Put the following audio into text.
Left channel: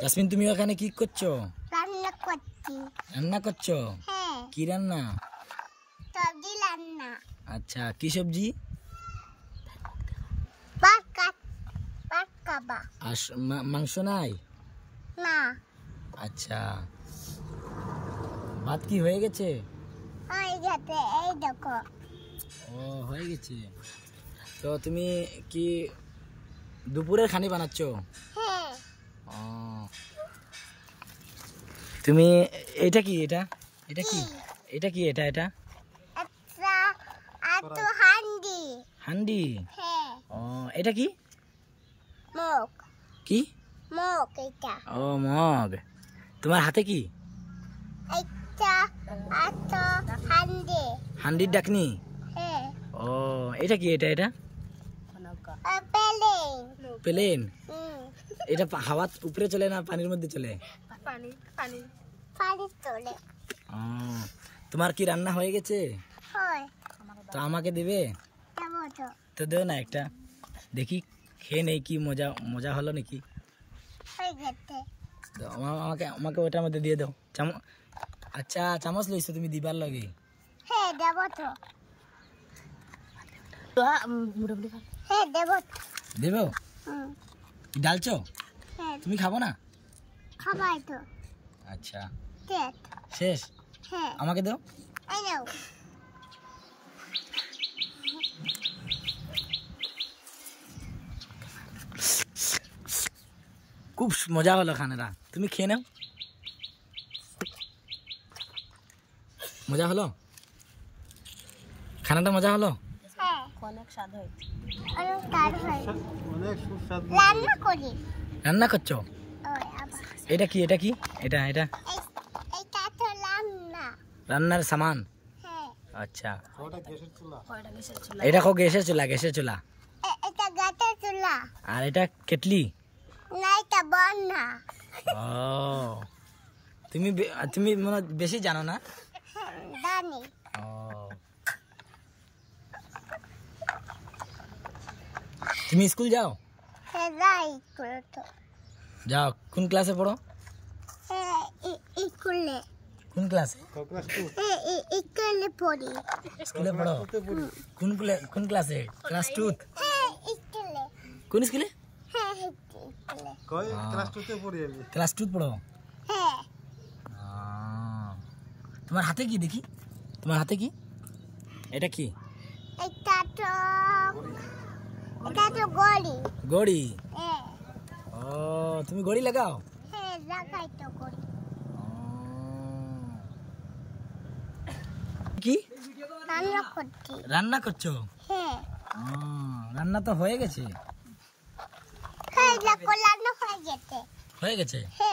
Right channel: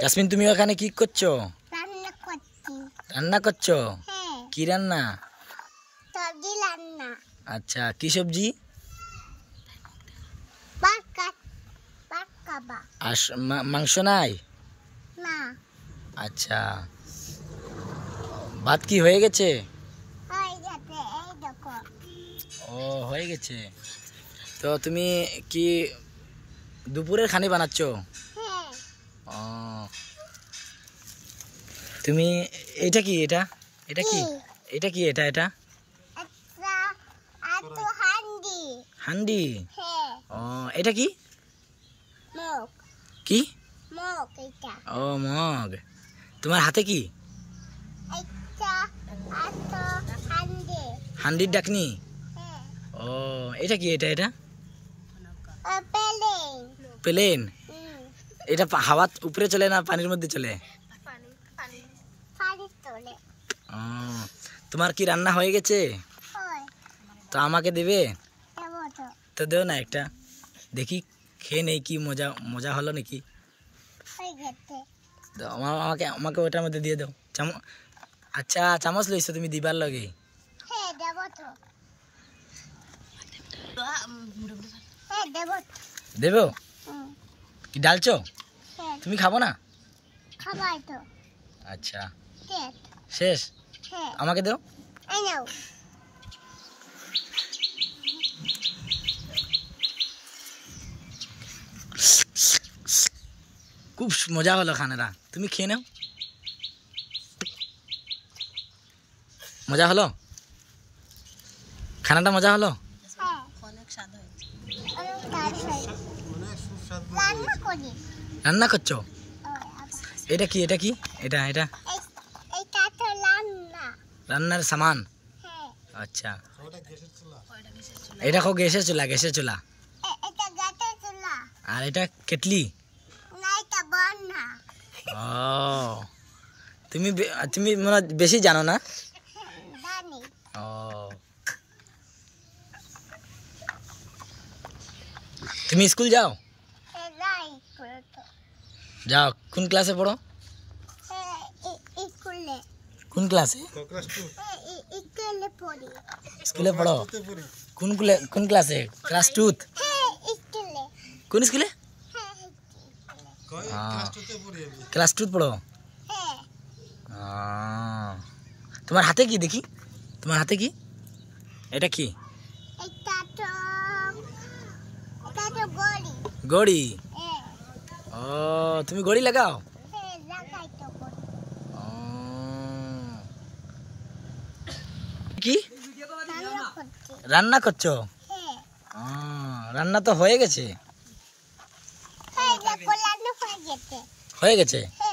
Jasmine তুমি ওখানে কি করছো? রান্না করছি। রান্না করছো? হ্যাঁ, কি রান্না? সবজি রান্না। আচ্ছা, কি সবজি? ভাত খাবা? আর মাংস নাই? না, আচ্ছা, ভাত কি হয়ে গেছে? হয়ে গেছে, এই দেখো। ও, হয়ে গেছে। তো তুমি কি দুপুরের খানি বানাচ্ছো? হ্যাঁ, ও, তুমি এটা কি? এটা এটা কি? এটা কি? এটা এটা আচ্ছা, আর তো হান্ডি। হান্ডি? হ্যাঁ, ও, এটা কি? মগ। কি? মগ এটা। ও, মগ। তোমার হাতে কি? এটা আর তো হান্ডি। হান্ডির ডাকনি? হ্যাঁ, ও, এটা কি? এটা এটা প্লেন। প্লেন? হুম, এটা হাওয়া উপরে চলে না পানির মধ্যে চলে? পানি তোলে। ও, তোমার কি রান্না হয়ে গেছে? হয়, তো আমাকে দেবে? দেবো তো। তো দেও না একটা, দেখি খেয়ে নেই কি মজা মজা হলো নাকি। হয়ে গেছে। তো আমাকে আমাকে ওটার মধ্যে দিয়ে দাও আচ্ছা, চামচ লইছো তুমি দিবার লগে? হ্যাঁ, দেবো তো। হ্যাঁ, দেবো তো। দেবো? হুম, কি ডালছো? হ্যাঁ, তুমি খাবো না? খাবাই তো। আচ্ছা, দেখ। শেষ? হ্যাঁ, আমাকে দাও। এই নাও। খুব মজা হলো খানাটা, তুমি খেয়ে নাও। মজা হলো? খানাটা মজা হলো? হ্যাঁ, অনেক স্বাদ হয়েছে। রান্না করি। রান্না করছো? ওই আবার। এটা কি? এটা কি? এটা এটা এইটা তো রান্না। রান্নার সামান? হ্যাঁ, আচ্ছা, এটা কো গ্যাসের চুলা? গ্যাসের চুলা। এটা গাছের চুলা। আর এটা কেটলি? না, এটা বন্যা। ও, তুমি তুমি মনে হয় বেশি জানো না? জানি। ও, তুমি স্কুল যাও? হ্যাঁ, যাই তো। যাও। কোন ক্লাসে পড়ো? হ্যাঁ, স্কুলে। কোন ক্লাসে? হ্যাঁ, স্কুলে পড়ি। স্কুলে পড়ো? কোন ক্লাসে? ক্লাস 2? হ্যাঁ, স্কুলে। কোন স্কুলে? হ্যাঁ, স্কুলে। ক্লাস 2 পড়ো? হ্যাঁ, তোমার হাতে কি দেখি? তোমার হাতে কি? এটা কি? এটা তো গড়ি। গড়ি? হ্যাঁ, ও, তুমি গড়ি লাগাও? হ্যাঁ, লাগাই তো গড়ি। ও, কি রান্না করছি। রান্না করছো? হ্যাঁ, ও, রান্না তো হয়ে গেছে। হ্যাঁ, দেখো রান্না হয়ে গেছে। হয়ে গেছে? হ্যাঁ।